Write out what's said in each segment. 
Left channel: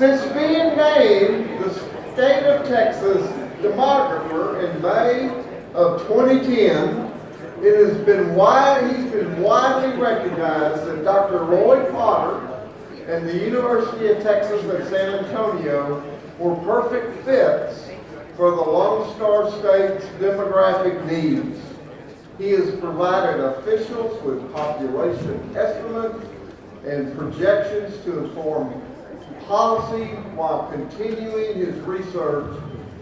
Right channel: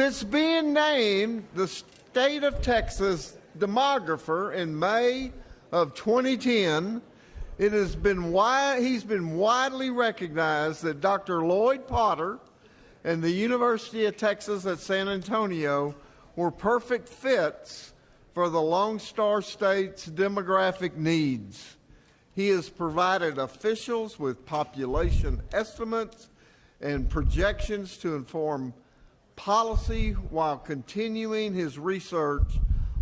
Since being named the state of Texas Demographer in May of 2010, he's been widely recognized that Dr. Lloyd Potter and the University of Texas at San Antonio were perfect fits for the Lone Star State's demographic needs. He has provided officials with population estimates and projections to inform policy while continuing his research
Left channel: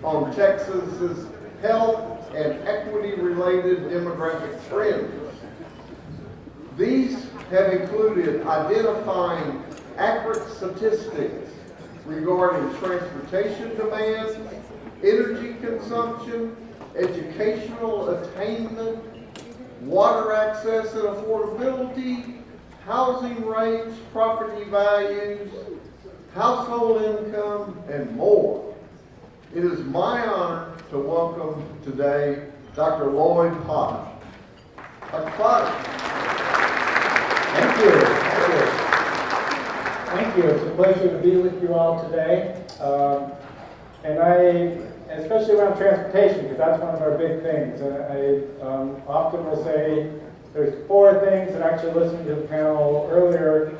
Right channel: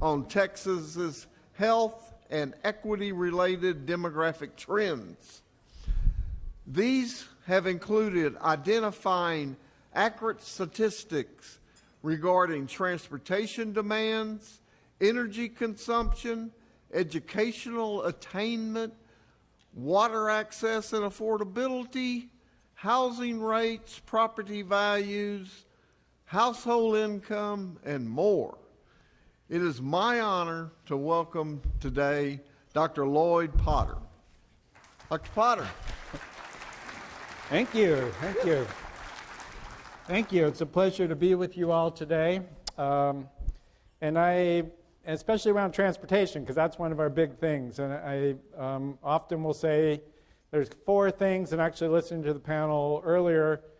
on Texas's health and equity-related demographic trends. These have included identifying accurate statistics regarding transportation demands, energy consumption, educational attainment, water access and affordability, housing rates, property values, household income, and more. It is my honor to welcome today Dr. Lloyd Potter. Dr. Potter. Thank you. Thank you. It's a pleasure to be with you all today. And especially around transportation, because that's one of our big things. And I often will say there's 4 things, and actually listening to the panel earlier,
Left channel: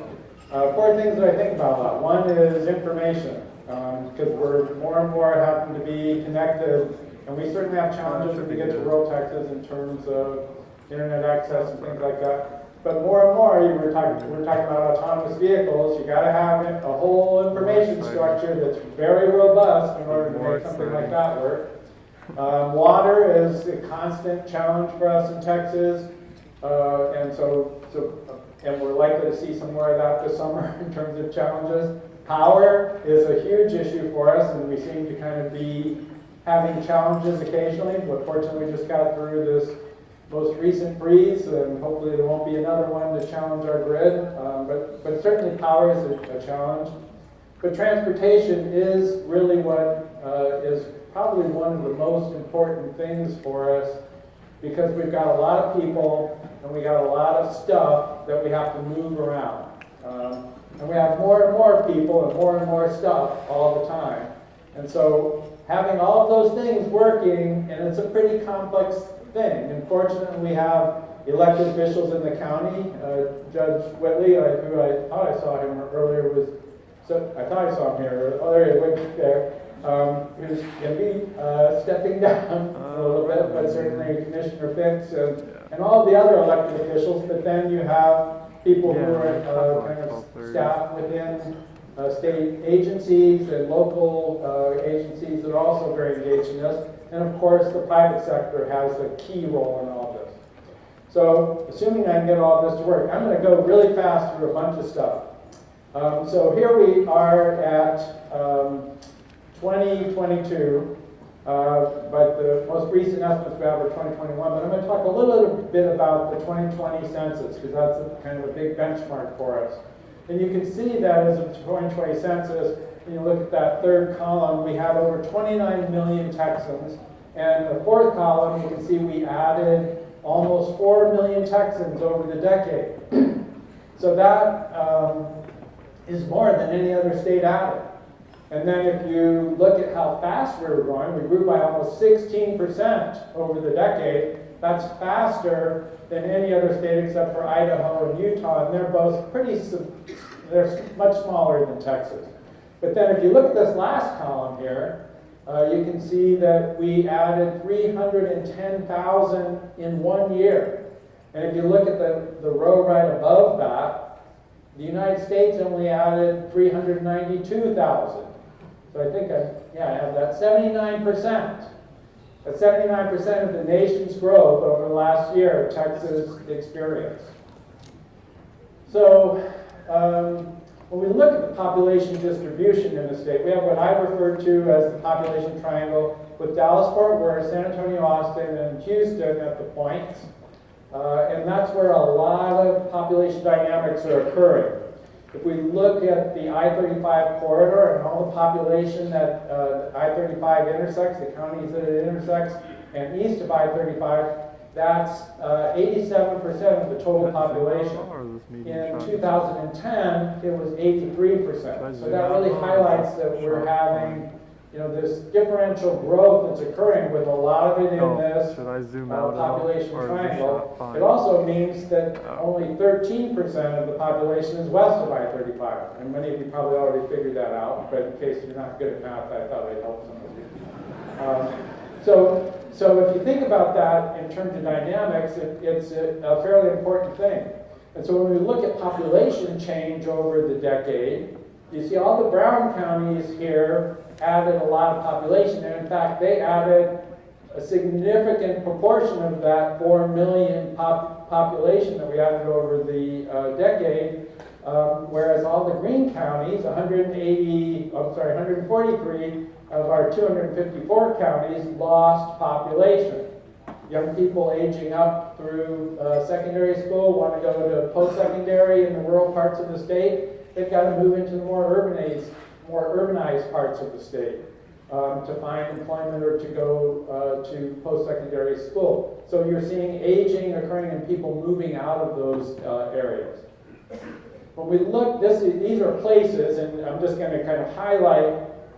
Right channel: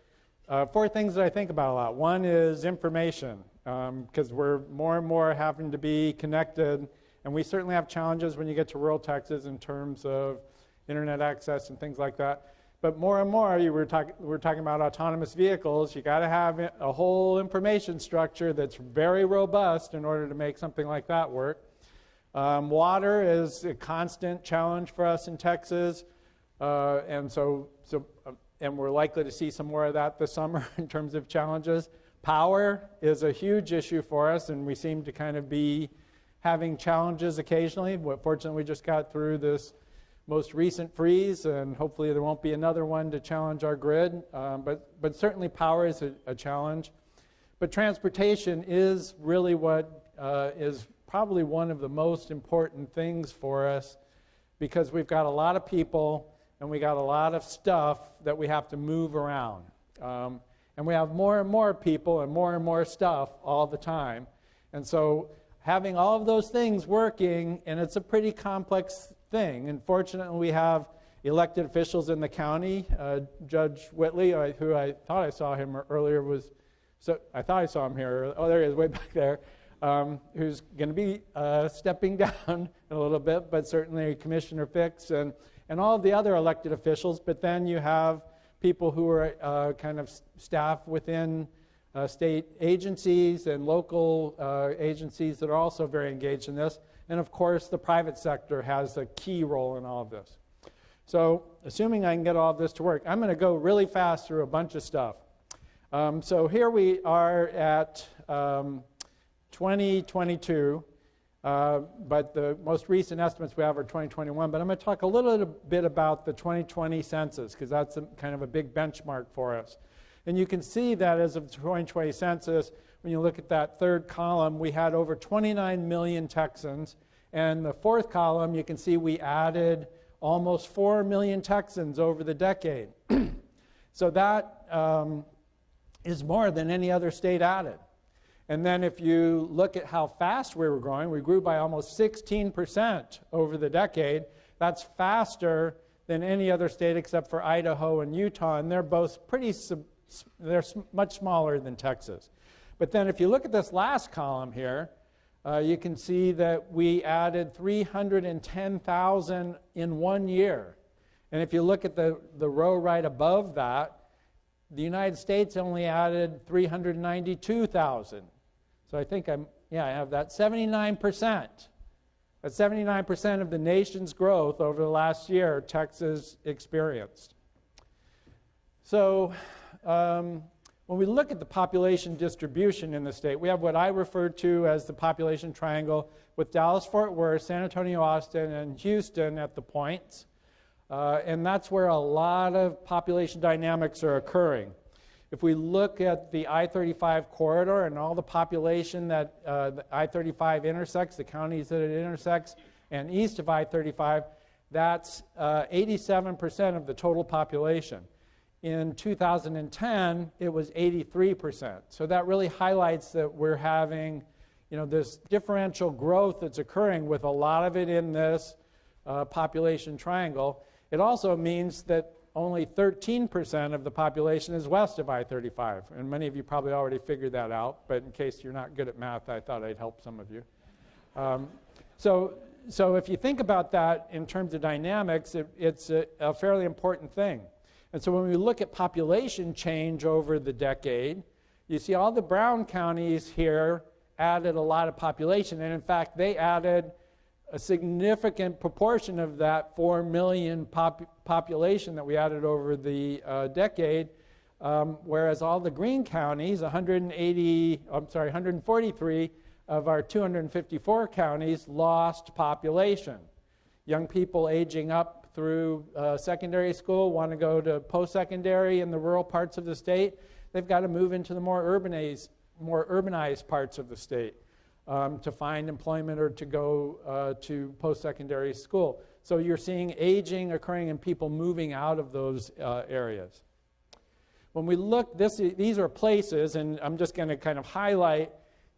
4 things that I think about a lot. One is information, because we're more and more having to be connected, and we certainly have challenges when you get to rural Texas in terms of internet access and things like that. But more and more, we're talking about autonomous vehicles. You got to have a whole information structure that's very robust in order to make something like that work. Water is a constant challenge for us in Texas, and we're likely to see some more of that this summer in terms of challenges. Power is a huge issue for us, and we seem to kind of be having challenges occasionally. But fortunately, we just got through this most recent freeze, and hopefully there won't be another one to challenge our grid. But certainly power is a challenge. But transportation is really what is probably one of the most important things for us, because we've got a lot of people and we got a lot of stuff that we have to move around. And we have more and more people and more stuff all the time. And so having all of those things working, and it's a pretty complex thing. And fortunately, we have elected officials in the county. Judge Whitley, who I thought I saw him earlier, I thought I saw him here. Oh, there he is, way back there. Who's going to be stepping down a little bit, but certainly Commissioner Fix and all the other elected officials. But then you have people who are kind of staff within state agencies and local agencies that are also very engaged in this. And of course, the private sector has a key role in all this. So, assuming I can get all this to work, I'm going to go really fast through a bunch of stuff. So here we are at 2022, but the most recent estimates we have are 2021. But I'm going to talk a little bit about the 2020 census, because that's kind of a big benchmark for us. And you can see that as of the 2020 census, when you look at that third column, we had over 29 million Texans. And the fourth column, you can see we added almost 4 million Texans over the decade. So that is more than any other state added. And then if you look at how fast we were growing, we grew by almost 16% over the decade. That's faster than any other state except for Idaho and Utah, and they're both they're much smaller than Texas. But then if you look at this last column here, you can see that we added 310,000 in 1 year. And if you look at the row right above that, the United States only added 392,000. So I think I have that 79%. That's 79% of the nation's growth over the last year Texas experienced. So when we look at the population distribution in the state, we have what I refer to as the population triangle, with Dallas-Fort Worth, San Antonio, Austin, and Houston at the points. And that's where a lot of population dynamics are occurring. If we look at the I-35 corridor and all the population that the I-35 intersects, the counties that it intersects, and east of I-35, that's 87% of the total population. In 2010, it was 83%. So that really highlights that we're having, this differential growth that's occurring with a lot of it in this population triangle. It also means that only 13% of the population is west of I-35. And many of you probably already figured that out, but in case you're not good at math, I thought I'd help some of you. So if you think about that in terms of dynamics, it's a fairly important thing. And so when we look at population change over the decade, you see all the brown counties here added a lot of population, and in fact they added a significant proportion of that 4 million population that we added over the decade, whereas all the green counties, 143 of our 254 counties lost population. Young people aging up through secondary school want to go to post-secondary in the rural parts of the state. They've got to move into the more urbanized parts of the state to find employment or to go to post-secondary school. So you're seeing aging occurring and people moving out of those areas. When we look, these are places, and I'm just going to kind of highlight.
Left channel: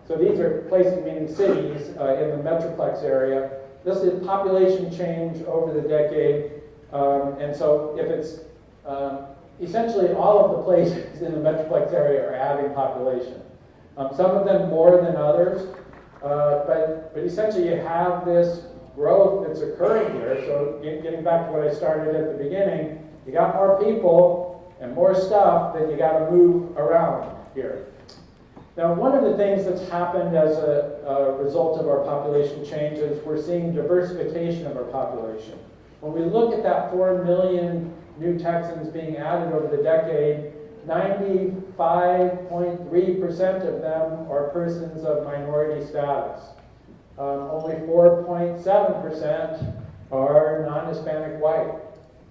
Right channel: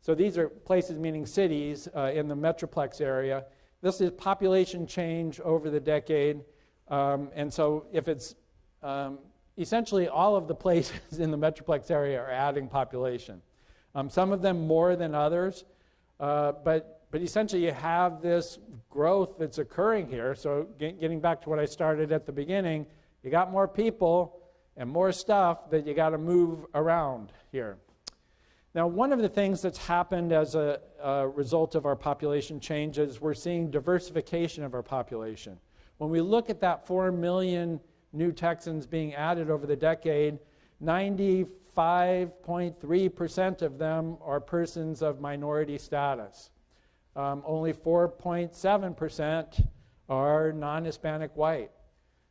So these are places, meaning cities, in the Metroplex area. This is population change over the decade. And so if it's essentially all of the places in the Metroplex area are adding population. Some of them more than others, but essentially you have this growth that's occurring here. So getting back to what I started at the beginning, you got more people and more stuff that you got to move around here. Now, one of the things that's happened as a result of our population changes, we're seeing diversification of our population. When we look at that 4 million new Texans being added over the decade, 95.3% of them are persons of minority status. Only 4.7% are non-Hispanic white.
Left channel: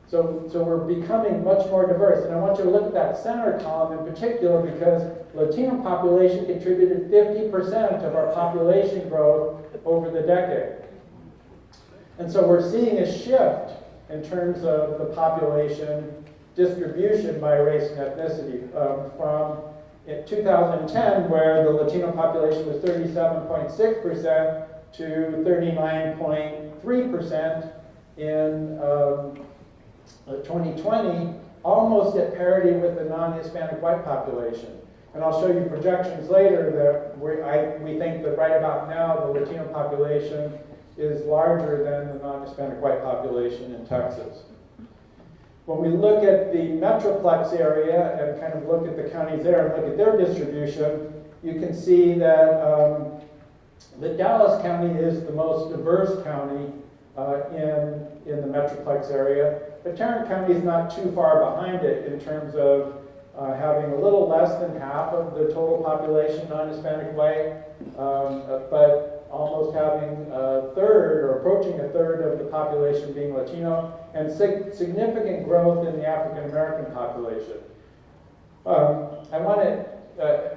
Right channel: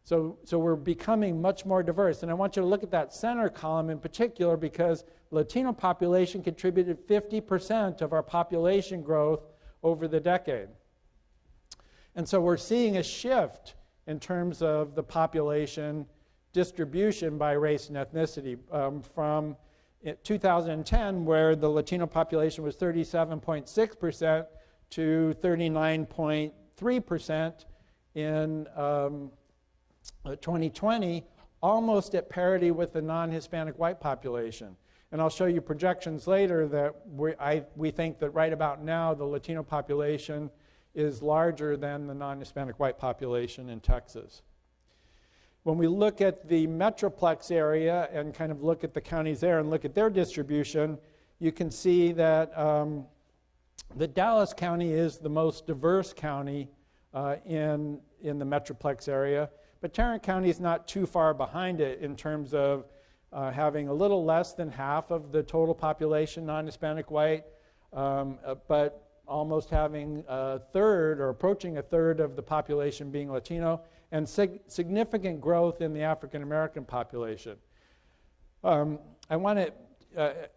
So we're becoming much more diverse. And I want you to look at that center column in particular because Latino population contributed 50% of our population growth over the decade. And so we're seeing a shift in terms of the population distribution by race and ethnicity from in 2010, where the Latino population was 37.6% to 39.3% in 2020, almost at parity with the non-Hispanic white population. And I'll show you projections later that we think that right about now the Latino population is larger than the non-Hispanic white population in Texas. When we look at the Metroplex area and kind of look at the counties there and look at their distribution, you can see that that Dallas County is the most diverse county in the Metroplex area, but Tarrant County is not too far behind it in terms of having a little less than half of the total population non-Hispanic white, but almost having a third or approaching a third of the population being Latino, and significant growth in the African American population. I want to,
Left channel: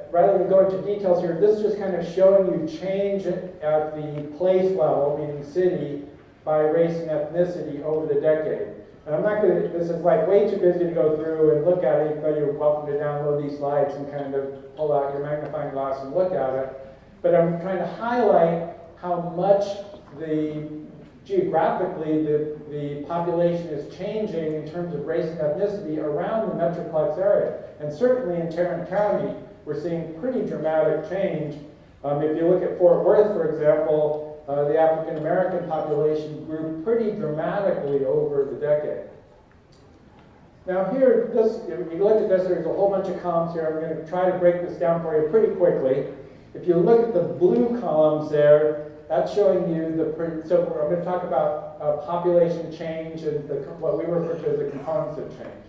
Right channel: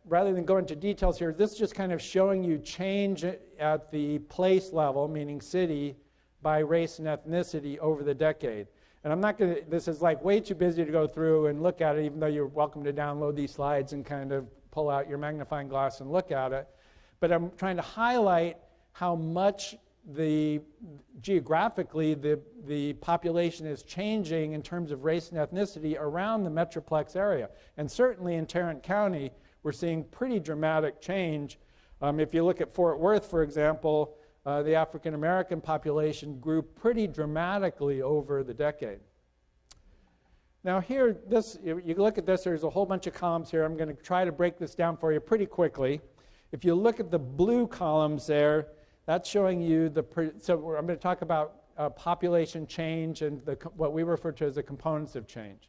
rather than go into details here, this is just kind of showing you change at the place level, meaning city, by race and ethnicity over the decade. And I'm not going to, this is like way too busy to go through and look at it, even though you're welcome to download these slides and kind of pull out your magnifying glass and look at it. But I'm trying to highlight how much geographically the population is changing in terms of race and ethnicity around the Metroplex area. And certainly in Tarrant County, we're seeing pretty dramatic change. If you look at Fort Worth, for example, the African American population grew pretty dramatically over the decade. Now here, if you look at this, there's a whole bunch of columns here. I'm going to try to break this down for you pretty quickly. If you look at the blue columns there, that's showing you so I'm going to talk about population change and what we refer to as the components of change.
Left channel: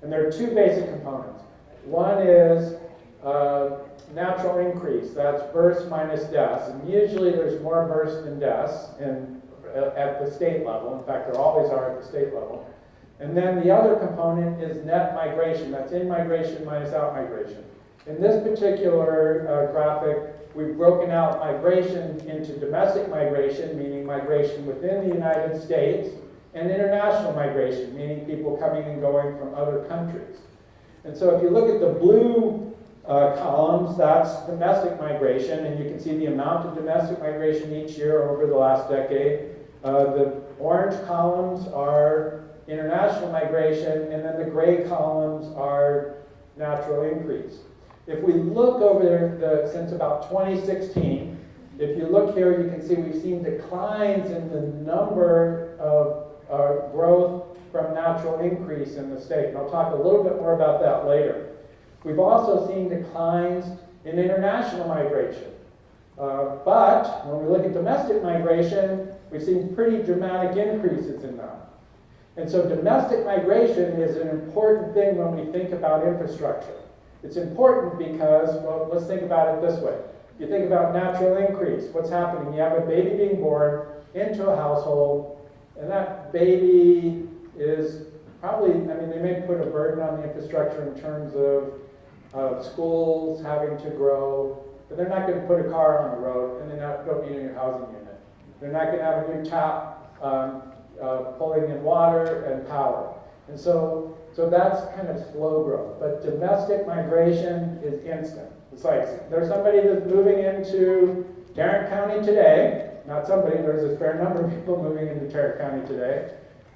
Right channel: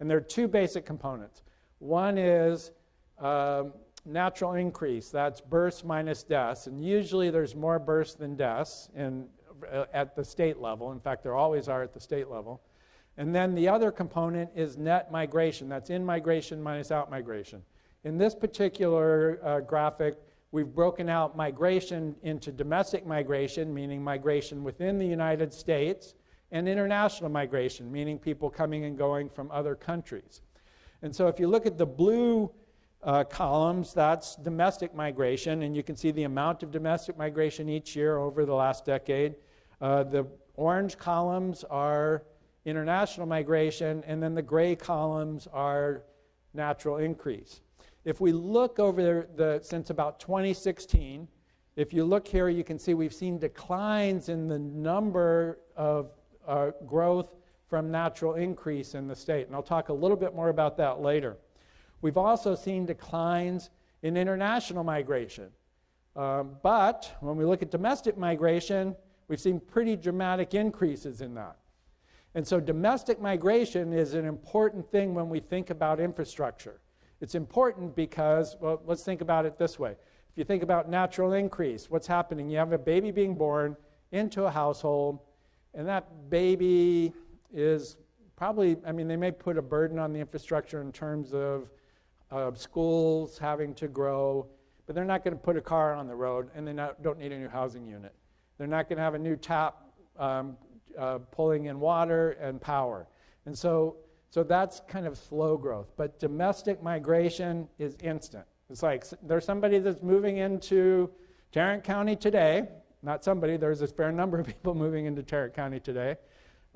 And there are two basic components. One is natural increase, that's births minus deaths. And usually there's more births than deaths at the state level. In fact, there always are at the state level. And then the other component is net migration, that's in-migration minus out-migration. In this particular graphic, we've broken out migration into domestic migration, meaning migration within the United States, and international migration, meaning people coming and going from other countries. And so if you look at the blue columns, that's domestic migration, and you can see the amount of domestic migration each year over the last decade. The orange columns are international migration, and then the gray columns are natural increase. If we look over there since about 2016, if you look here, you can see we've seen declines in the number of growth from natural increase in the state. And I'll talk a little bit more about that later. We've also seen declines in international migration. But when we look at domestic migration, we've seen pretty dramatic increases in that. And so domestic migration is an important thing when we think about infrastructure. It's important because, well, let's think about it this way. If you think about natural increase, what's happening? You have a baby being born into a household, and that baby is probably, I mean, they may put a burden on the infrastructure in terms of schools having to grow, but they're not going to put a car on the road, and they don't need a new housing unit. They're not going to have a new tap pulling in water and power. And so that's kind of slow growth. But domestic migration is instant. It's like there's somebody that's moving into Tarrant County today. Not somebody, there's a fair number of people moving into Tarrant County today.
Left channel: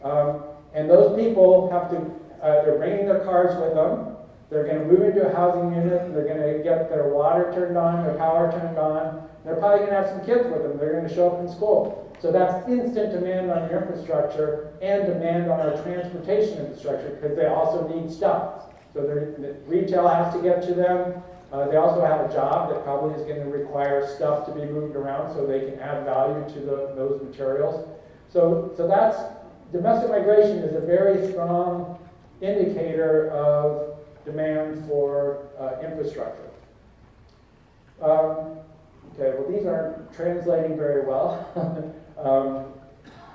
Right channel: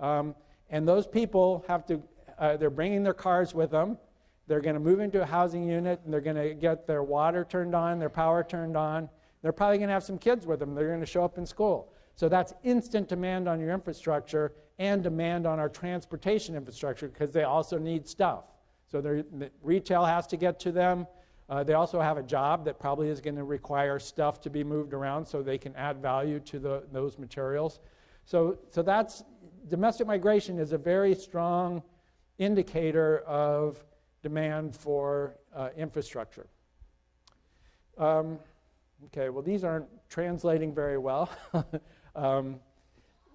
And those people have to, they're bringing their cars with them. They're going to move into a housing unit. They're going to get their water turned on, their power turned on. They're probably going to have some kids with them. They're going to show up in school. So that's instant demand on your infrastructure and demand on our transportation infrastructure because they also need stuff. So the retail has to get to them. They also have a job that probably is going to require stuff to be moved around so they can add value to those materials. So that's, domestic migration is a very strong indicator of demand for infrastructure. Okay, well these aren't translating very well.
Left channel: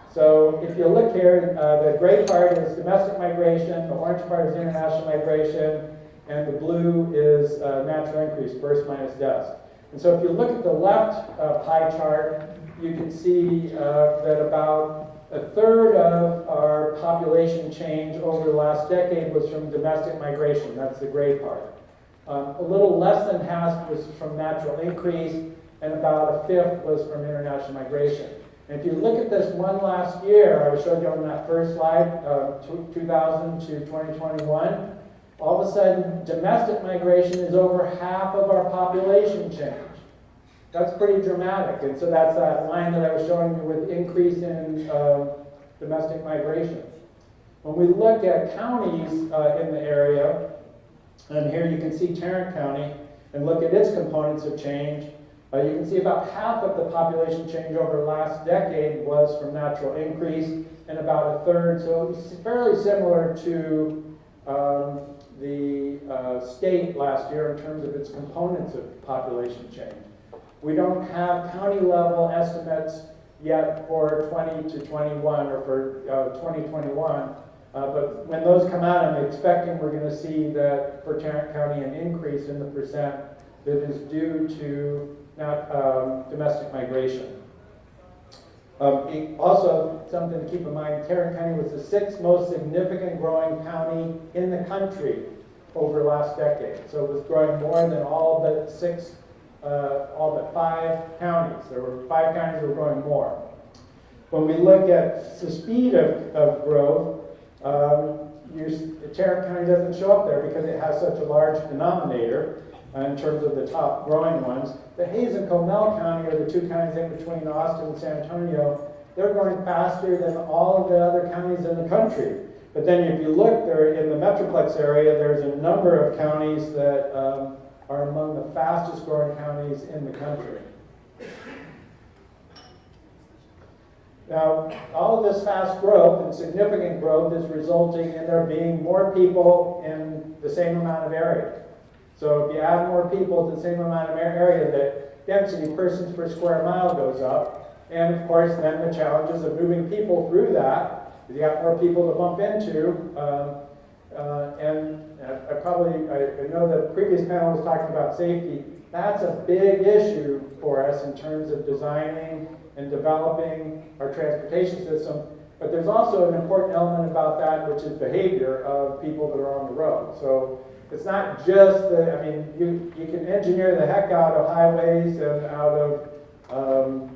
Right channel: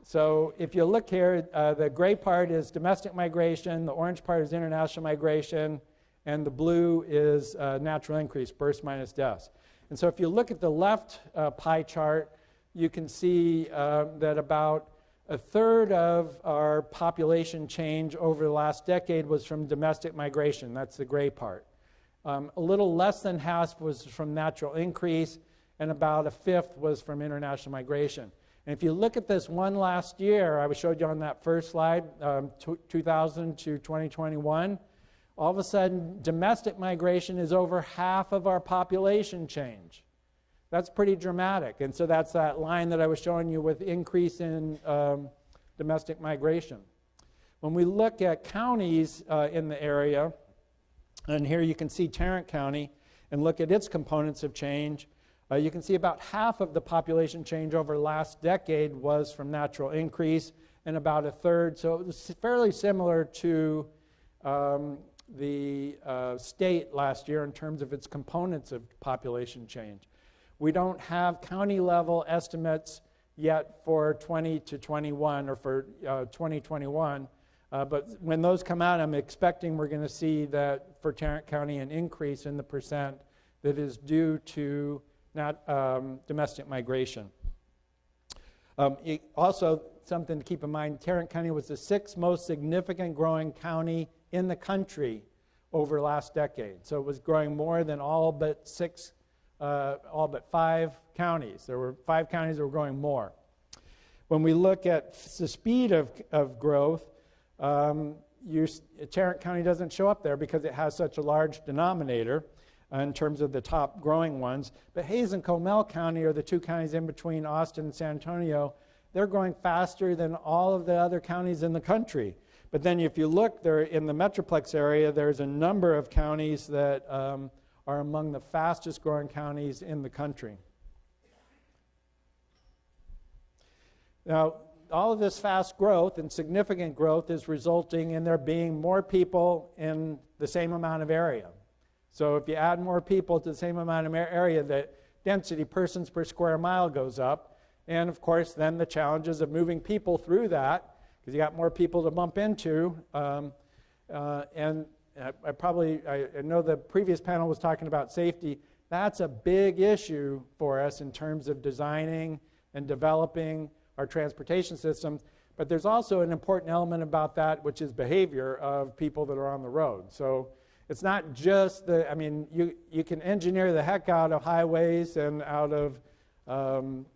So if you look here, the gray part is domestic migration, the orange part is international migration, and the blue is natural increase, births minus deaths. And so if you look at the left pie chart, you can see that about a third of our population change over the last decade was from domestic migration. That's the gray part. A little less than half was from natural increase, and about a fifth was from international migration. And if you look at this one last year, I showed you on that first slide, 2000 to 2021, all of a sudden domestic migration is over half of our population change. That's pretty dramatic. And so that's that line that I was showing you with increase in domestic migration. When we look at counties in the area, and here you can see Tarrant County, and look at its components of change, you can see about half of the population change over the last decade was from natural increase, and about a third, so it's fairly similar to the state last year in terms of its components of population change. We don't have county level estimates yet for 20 to 21 or for 2021, but when those come out, I'm expecting we're going to see that for Tarrant County an increase in the percent that is due to domestic migration. Also, something to keep in mind, Tarrant County was the 6th most significant growing county in the country over the last decade. So it was growing more than all but 5 counties. There were 5 counties that were growing more. When we look at the speed of growth, Tarrant County doesn't show up there because it has such a large denominator in terms of the top growing ones. But Hays and Comal County are the 2 counties in between Austin and San Antonio. They're growing faster than all of the other counties in the country. But then if you look there in the Metroplex area, there's a number of counties that are among the fastest growing counties in the country. Now, all of this fast growth and significant growth is resulting in there being more people in the same amount of area. So if you add more people to the same amount of area, the density persons per square mile goes up. And of course, then the challenges of moving people through that, because you got more people to bump into. I know the previous panel was talking about safety. That's a big issue for us in terms of designing and developing our transportation system, But there's also an important element about that, which is behavior of people that are on the road. So it's not just the, I mean, you can engineer the heck out of highways and out of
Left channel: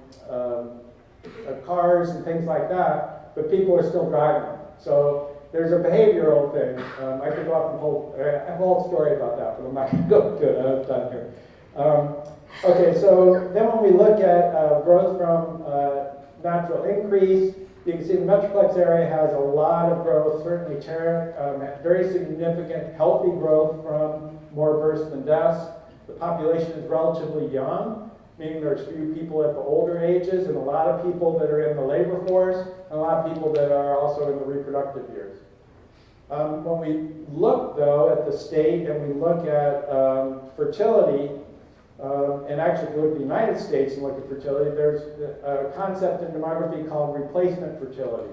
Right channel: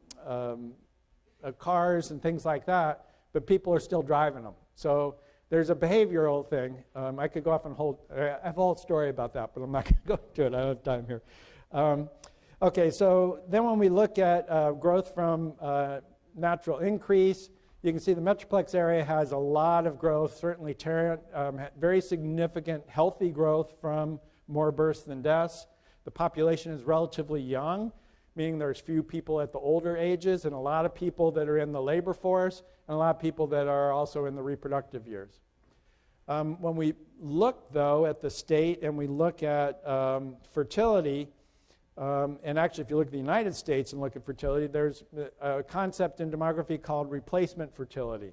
cars and things like that, but people are still driving them. So there's a behavioral thing. I could go off and I have a whole story about that, but I'm not going to go into it. I don't have time here. Okay, so then when we look at growth from natural increase, you can see the Metroplex area has a lot of growth. Certainly Tarrant had very significant healthy growth from more births than deaths. The population is relatively young, meaning there's few people at the older ages and a lot of people that are in the labor force and a lot of people that are also in the reproductive years. When we look, though, at the state and we look at fertility, and actually, if you look at the United States and look at fertility, there's a concept in demography called replacement fertility.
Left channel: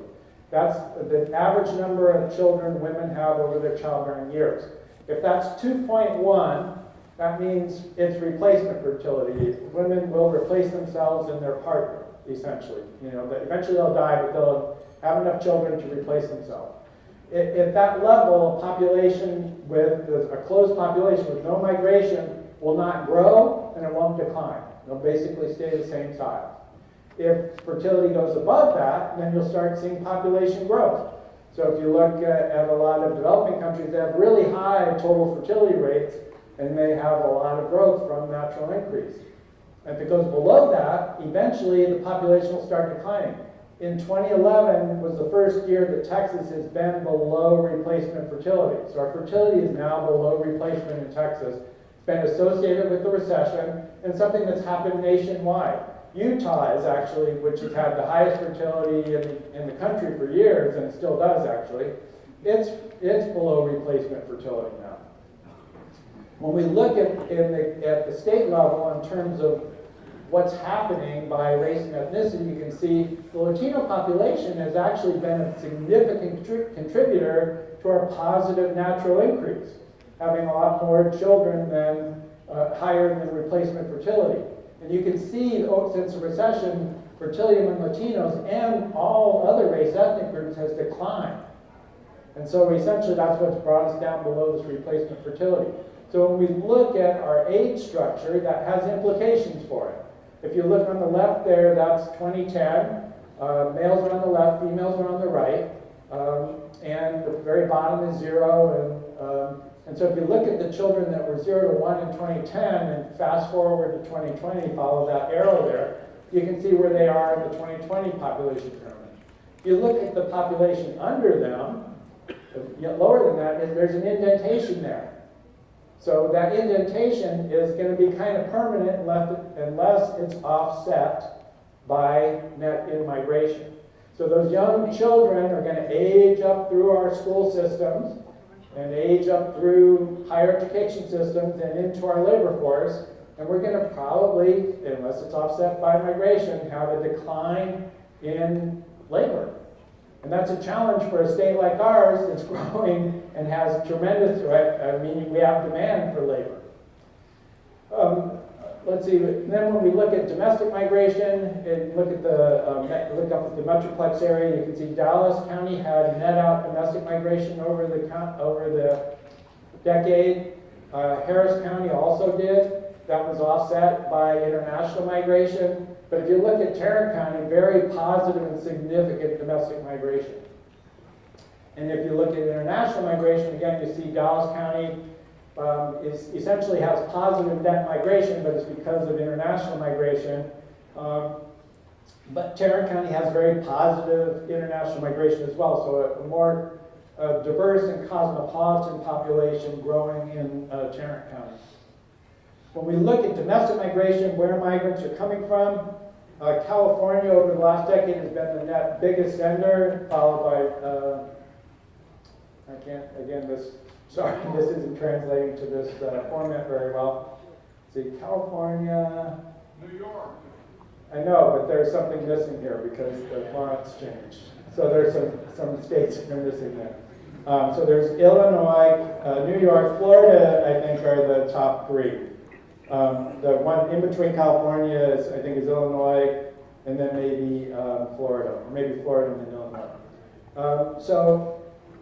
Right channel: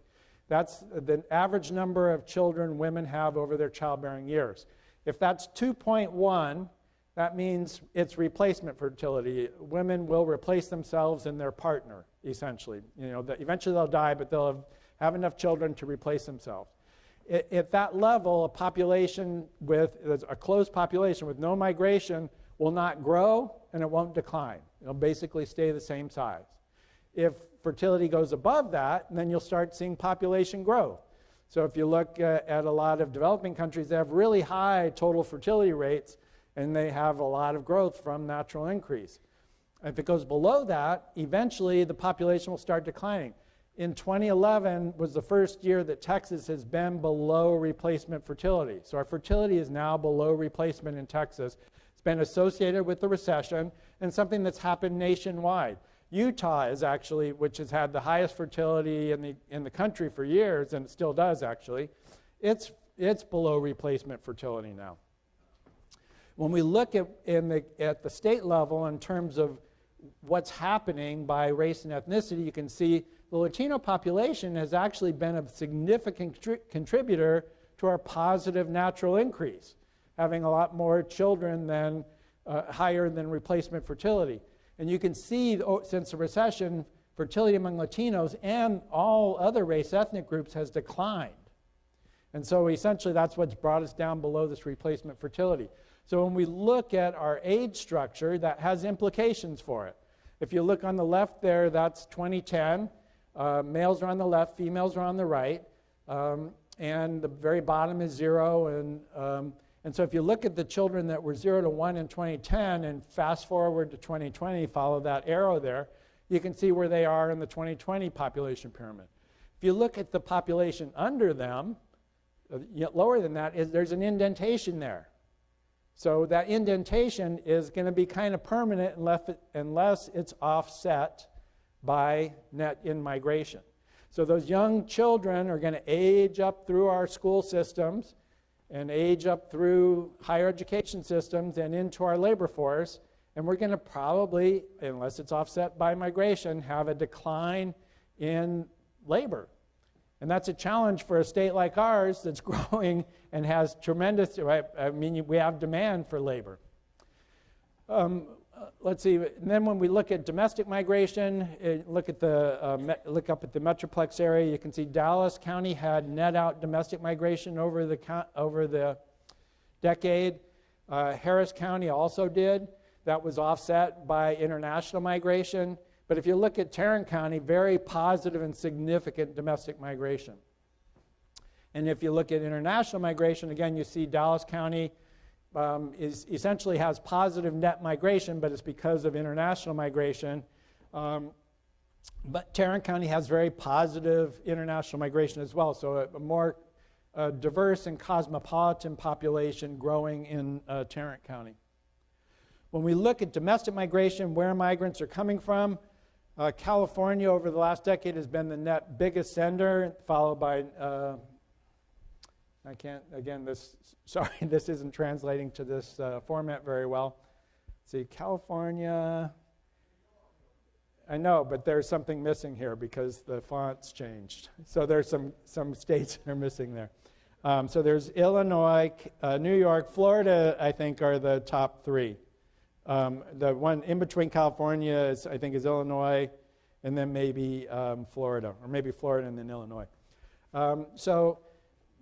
That's the average number of children women have over their childbearing years. If that's 2.1, that means it's replacement fertility. Women will replace themselves in their partner, essentially. You know, that eventually they'll die, but they'll have enough children to replace themselves. At that level, a population with a closed population with no migration will not grow and it won't decline. It'll basically stay the same size. If fertility goes above that, then you'll start seeing population growth. So if you look at a lot of developing countries, they have really high total fertility rates and they have a lot of growth from natural increase. If it goes below that, eventually the population will start declining. In 2011 was the first year that Texas has been below replacement fertility. So our fertility is now below replacement in Texas. It's been associated with the recession and something that's happened nationwide. Utah is actually, which has had the highest fertility in the country for years, and still does actually, it's below replacement fertility now. When we look at the state level in terms of what's happening by race and ethnicity, you can see the Latino population has actually been a significant contributor to our positive natural increase, having a lot more children than higher than replacement fertility. And you can see since the recession, fertility among Latinos and all other race ethnic groups has declined. And so essentially that's what's brought us down below this replacement fertility. So when we look at our age structure, that has implications for it. If you look on the left there, that's 2010. Males are on the left, females are on the right. And the very bottom is 0. And so if you look at the children that were 0 to 1 in 2010 and fast forward to 2020, follow that arrow there, you can see where they are in the 2020 population currently. If you look at the population under them, yet lower than that, there's an indentation there. So that indentation is going to be kind of permanent unless it's offset by net in-migration. So those young children are going to age up through our school systems and age up through higher education systems and into our labor force, and we're going to probably, unless it's offset by migration, have a decline in labor. And that's a challenge for a state like ours that's growing and has tremendous, I mean, we have demand for labor. Let's see, then when we look at domestic migration and look up at the Metroplex area, you can see Dallas County had net out domestic migration over the decade. Harris County also did. That was offset by international migration. But if you look at Tarrant County, very positive and significant domestic migration. And if you look at international migration, again, you see Dallas County essentially has positive net migration, but it's because of international migration. But Tarrant County has very positive international migration as well, so a more diverse and cosmopolitan population growing in Tarrant County. When we look at domestic migration, where migrants are coming from, California over the last decade has been the net biggest sender, followed by, this isn't translating to this format very well. Let's see, California. New York. I know, but there's something missing here because the font's changed. So there's some states that are missing there. So there's Illinois, New York, Florida, I think are the top three. The one in between California is Illinois, and then maybe Florida, or maybe Florida and then Illinois.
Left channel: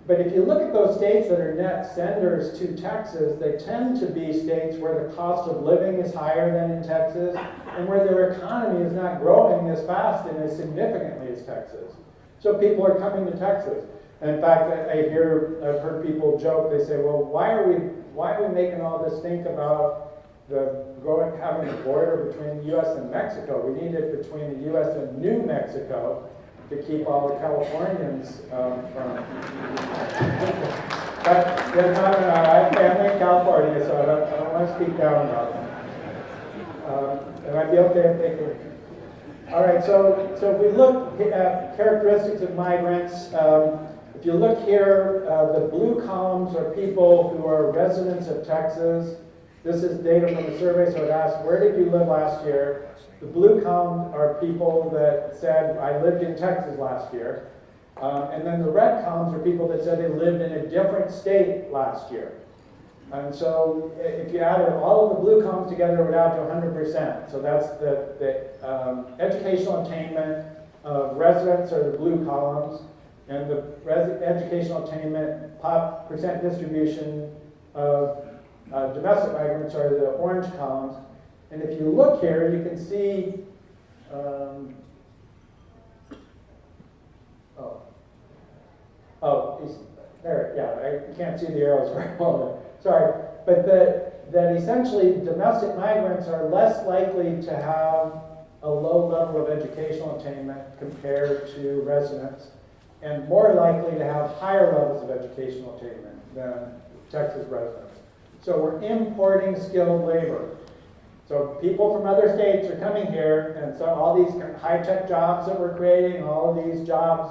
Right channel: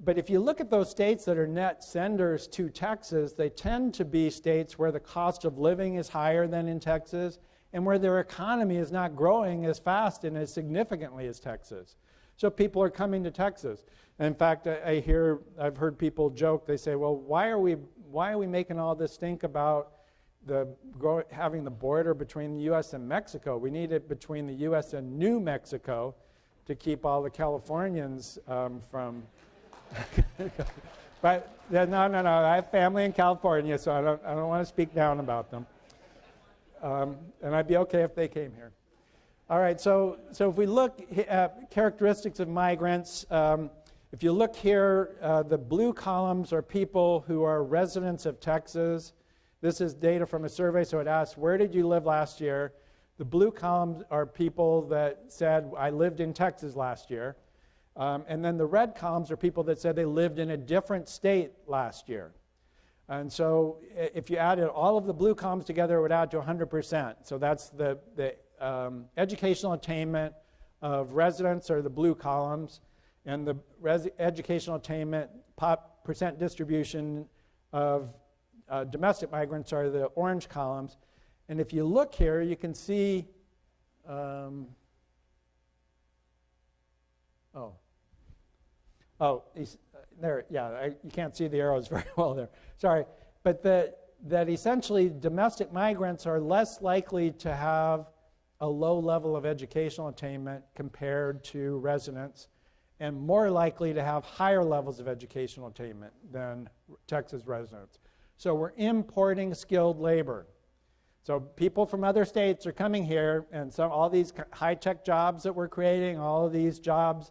But if you look at those states that are net senders to Texas, they tend to be states where the cost of living is higher than in Texas, and where their economy is not growing as fast and as significantly as Texas. So people are coming to Texas. And in fact, I've heard people joke, they say, well, why are we making all this stink about having a border between the US and Mexico? We need it between the US and New Mexico to keep all the Californians from. But they're not in our, I have family in California, so I don't want to speak down about them. And I'd be okay if they came. All right, so if we look at characteristics of migrants, if you look here, the blue columns are people who are residents of Texas. This is data from the survey, so it asks, where did you live last year? The blue columns are people that said, I lived in Texas last year. And then the red columns are people that said they lived in a different state last year. And so if you added all of the blue columns together, it would add to 100%. So that's the educational attainment of residents are the blue columns, and the educational attainment percent distribution of domestic migrants are the orange columns. And if you look here, you can see, there, yeah, I can't see the arrows very well there. Sorry, but that essentially domestic migrants are less likely to have a low level of educational attainment compared to residents, and more likely to have higher levels of educational attainment than Texas residents. So we're importing skilled labor. So people from other states are coming here, and so all these high-tech jobs that we're creating, all of these jobs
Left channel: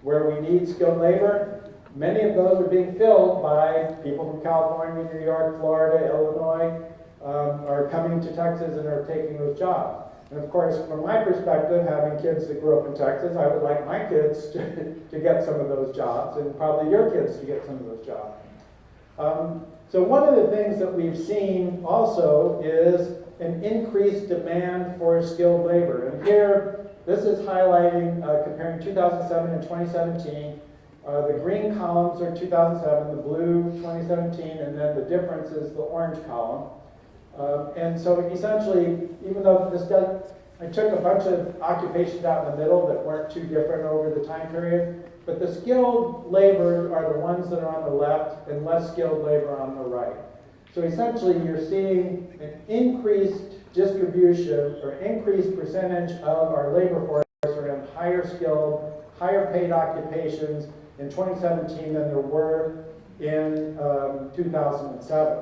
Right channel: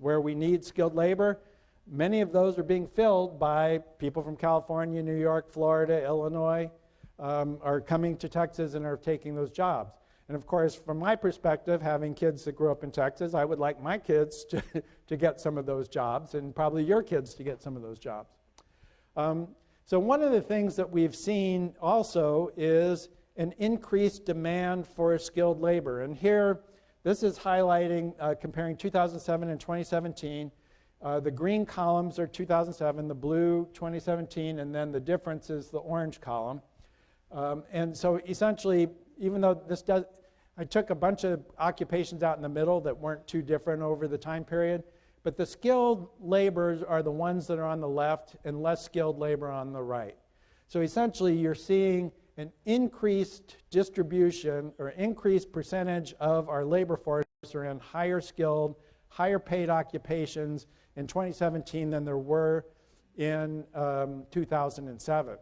where we need skilled labor, many of those are being filled by people from California, New York, Florida, Illinois, are coming to Texas and are taking those jobs. And of course, from my perspective, having kids that grew up in Texas, I would like my kids to get some of those jobs, and probably your kids to get some of those jobs. So one of the things that we've seen also is an increased demand for skilled labor. And here, this is highlighting, comparing 2007 and 2017. The green columns are 2007, the blue 2017, and then the difference is the orange column. And so essentially, even though I took a bunch of occupations out in the middle that weren't too different over the time period, but the skilled labor are the ones that are on the left and less skilled labor on the right. So essentially, you're seeing an increased distribution or increased percentage of our labor force around higher skilled, higher paid occupations in 2017 than there were in 2007.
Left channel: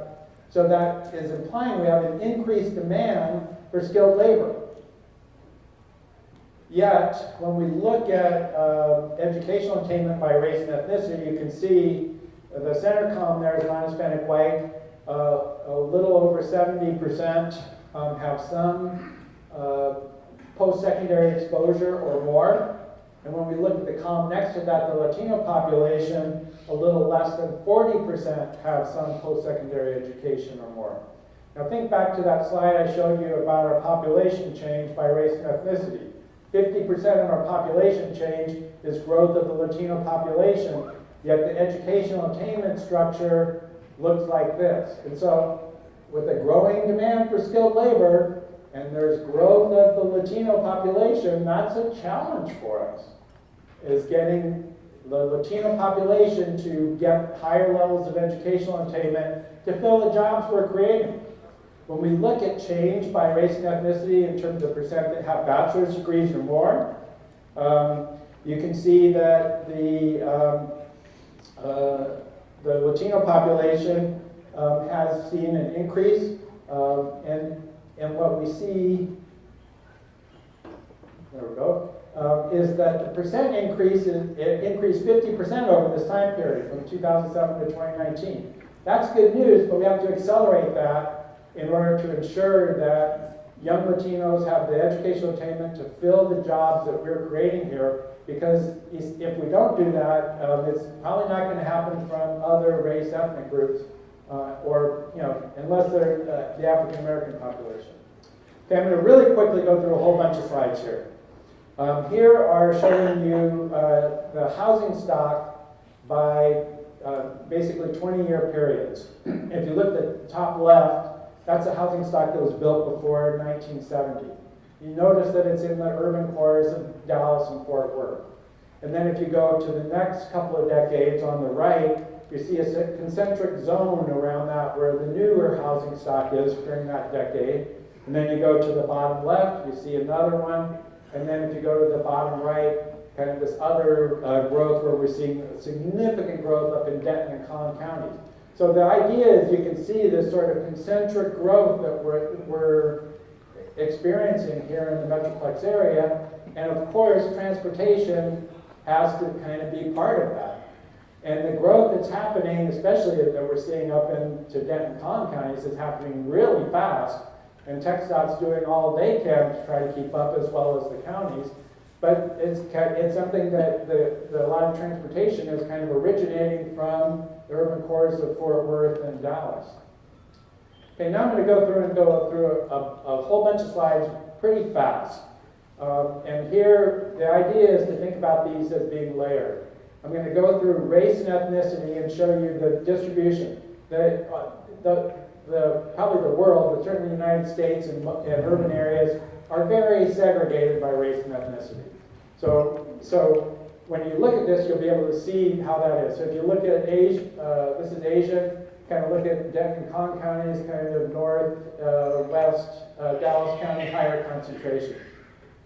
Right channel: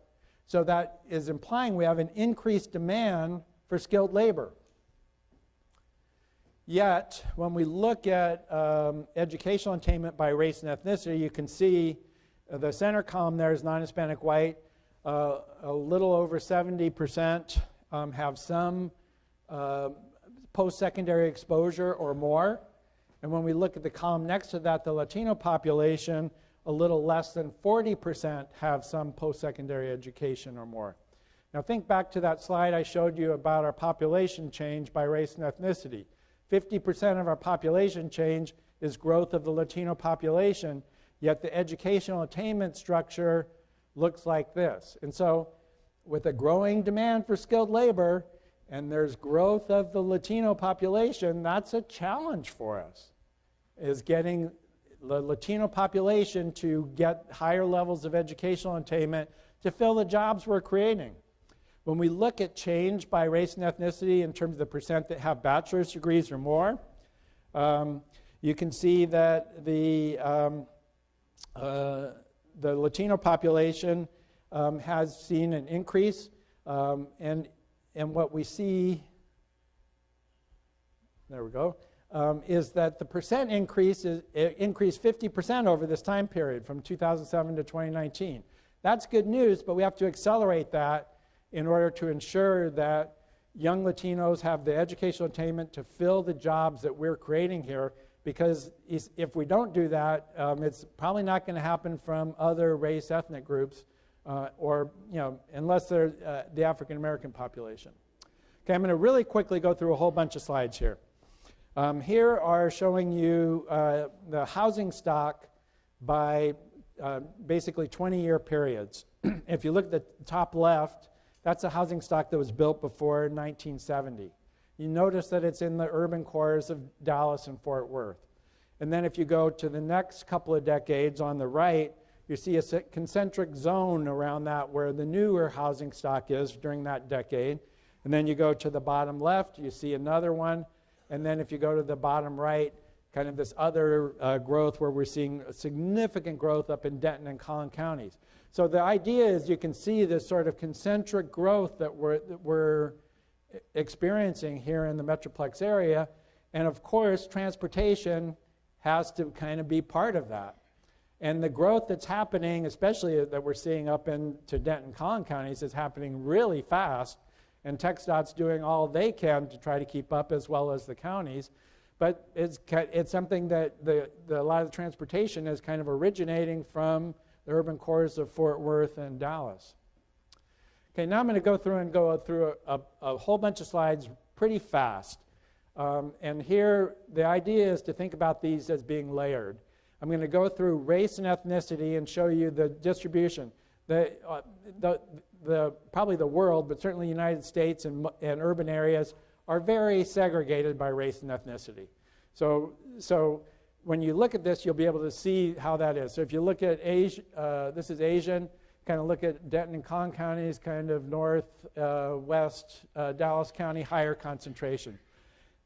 So that is implying we have an increased demand for skilled labor. Yet, when we look at educational attainment by race and ethnicity, you can see the center column there is non-Hispanic white. A little over 70% have some post-secondary exposure or more. And when we look at the column next to that, the Latino population, a little less than 40% have some post-secondary education or more. Now think back to that slide I showed you about our population change by race and ethnicity. 50% of our population change is growth of the Latino population, yet the educational attainment structure looks like this. And so with a growing demand for skilled labor, and there's growth of the Latino population, that's a challenge for us, is getting the Latino population to get higher levels of educational attainment to fill the jobs we're creating. When we look at change by race and ethnicity in terms of the percent that have bachelor's degrees or more, you can see that the Latino population has seen an increase, and what we see, there we go, is that the percent increase increased 50% over this time period from 2007 to 2019. That's good news, but we have to accelerate that in order to ensure that young Latinos have the educational attainment to fill the jobs that we're creating here, because if we don't do that, it's probably not going to happen from other race ethnic groups, or unless they're the African American population. Okay, I'm going to really quickly go through a whole bunch of slides here. Here are showing you the housing stock by basically 20-year periods. If you look at the top left, that's a housing stock that was built before 1970. You notice that it's in the urban cores of Dallas and Fort Worth. And then if you go to the next couple of decades on the right, you see a concentric zone around that where the newer housing stock is during that decade. And then you go to the bottom left, you see another one. And then if you go to the bottom right, kind of this other growth where we're seeing significant growth up in Denton and Collin counties. So the idea is you can see this sort of concentric growth that we're experiencing here in the Metroplex area. And of course, transportation has to kind of be part of that. And the growth that's happening, especially that we're seeing up into Denton, Collin counties, is happening really fast. And TxDOT's doing all they can to try to keep up as well as the counties. But it's something that a lot of transportation is kind of originating from the urban cores of Fort Worth and Dallas. Okay, now I'm going to go through a whole bunch of slides pretty fast. And here, the idea is to think about these as being layered. I'm going to go through race and ethnicity and show you the distribution. Probably the world, but certainly the United States and urban areas are very segregated by race and ethnicity. So when you look at this, you'll be able to see how that is. So if you look at Asia, this is Asia, kind of look at Denton and Collin counties, kind of north, west, Dallas County, higher concentration.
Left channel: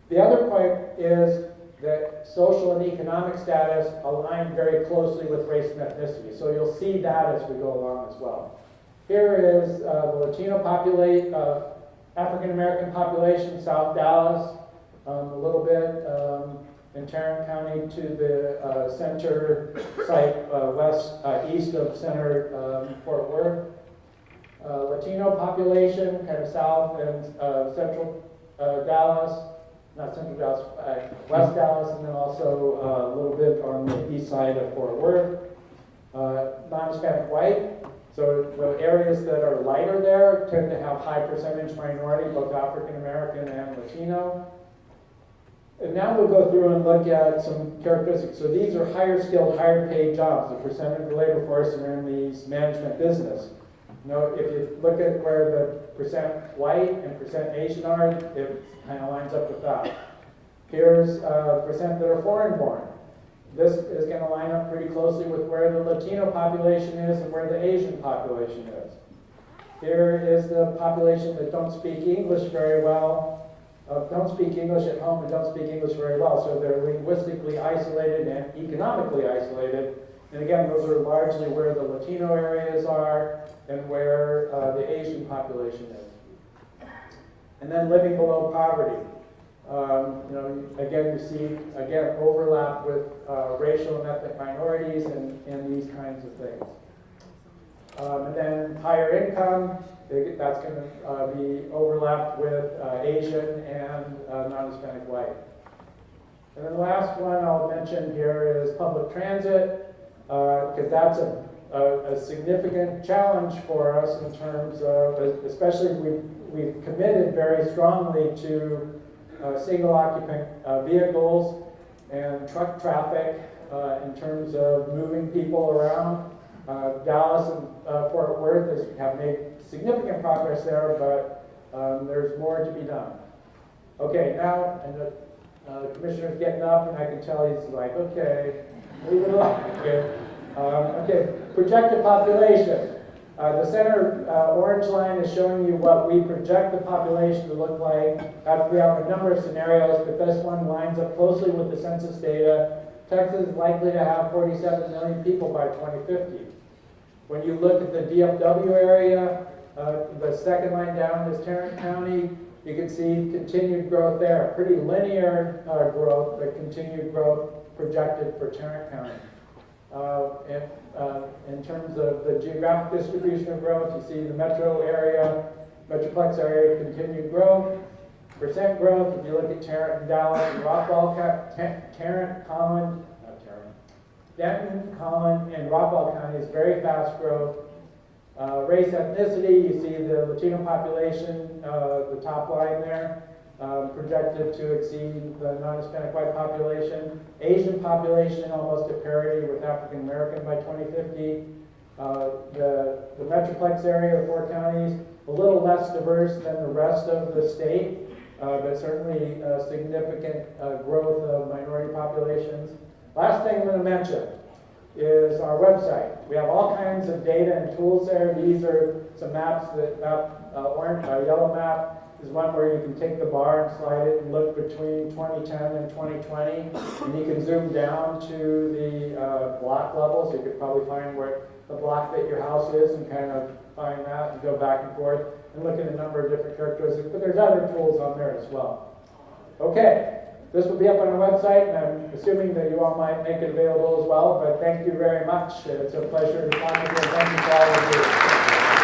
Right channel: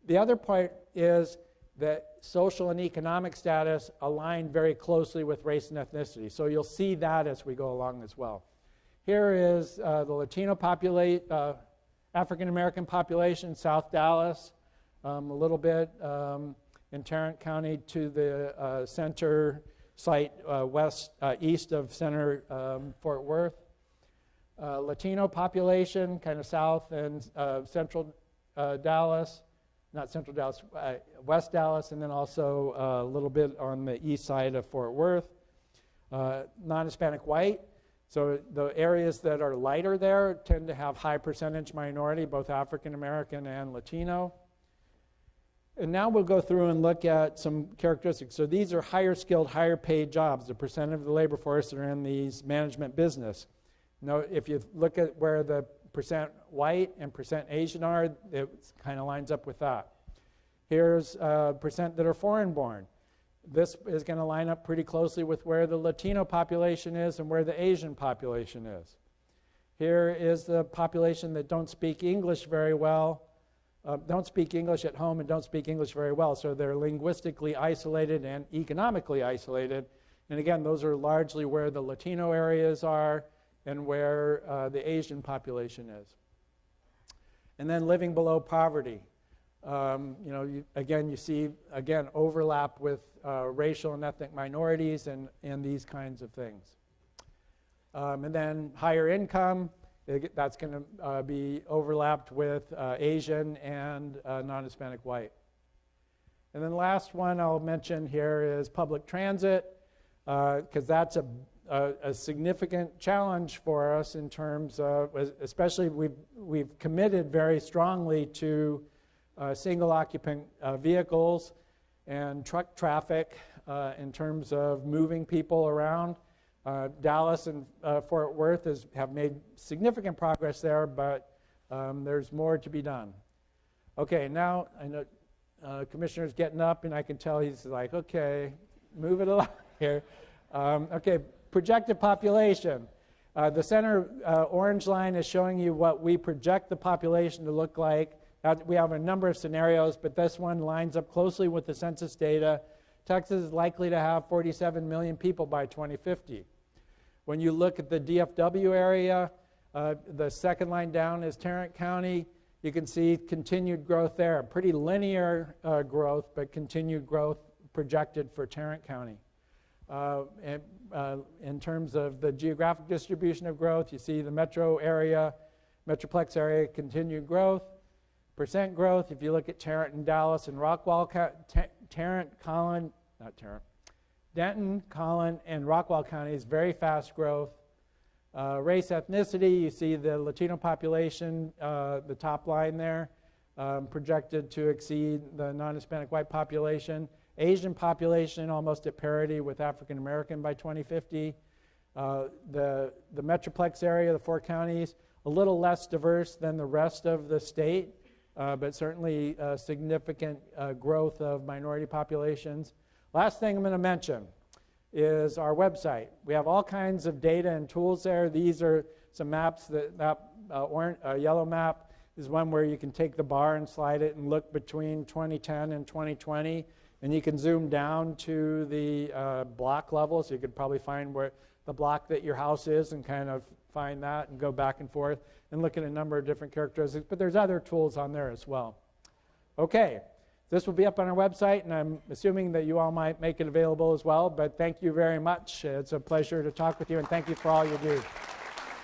The other point is that social and economic status align very closely with race and ethnicity. So you'll see that as we go along as well. Here is the Latino population, African American population, South Dallas, a little bit in Tarrant County to the center site east of center Fort Worth. Latino population, kind of south and central Dallas, not central Dallas, West Dallas, and then also a little bit on the east side of Fort Worth. Non-Hispanic white. So the areas that are lighter there tend to have high percentage minority, both African American and Latino. And now we'll go through and look at some characteristics. So these are higher skilled, higher paid jobs. The percent of the labor force are in these management business. Now, if you look at where the percent white and percent Asian are, it kind of lines up with that. Here's percent that are foreign born. This is going to line up pretty closely with where the Latino population is and where the Asian population is. Here is the population that don't speak English very well, don't speak English at home and don't speak English very well. So they're linguistically isolated and economically isolated. And again, those are largely where the Latino areas are and where the Asian population is. And then living below poverty. Again, you see, overlap with racial and ethnic minorities and these kinds of things. And then higher income, that's going to be overlapped with Asian and non-Hispanic white. And then the last one I'll mention here is public transit, because that's a significant challenge for us in terms of, especially we've committed very strongly to single occupant vehicles and truck traffic in terms of moving people around. Dallas and Fort Worth have made significant progress there, but there's more to be done. Okay, now, and the commissioner's getting up, and I can tell he's like, okay, moving along here. Okay, projected population. The center orange line is showing you what we project the population to look like. We have a number of scenarios, but this one lines up closely with the census data. Texas is likely to have 47 million people by 2050. When you look at the DFW area, the second line down is Tarrant County. You can see continued growth there. Pretty linear growth, but continued growth projected for Tarrant County. In terms of the geographic distribution of growth, you see the metro area, Metroplex area, continued growth. Percent growth, if you look at Tarrant and Dallas and Rockwall, Denton, Collin, and Rockwall counties, very fast growth. Race ethnicity, you see the Latino population, the top line there. projected to exceed the non-Hispanic white population. Asian population almost at parity with African American by 2050. The Metroplex area, the 4 counties, a little less diverse than the rest of the state, but certainly significant growth of minority populations. Last thing I'm going to mention is our website. We have all kinds of data and tools there. These are some maps. Yellow map is one where you can take the bar and slide it and look between 2010 and 2020, and you can zoom down to the block level, so you could probably find where the block that your house is and kind of find that and go back and forth and look at a number of different characteristics, but there's other tools on there as well. Okay, this will be up on our website, and I'm assuming that you all might make it available as well, but thank you very much. It's a pleasure to talk with you, and thank you for all of you.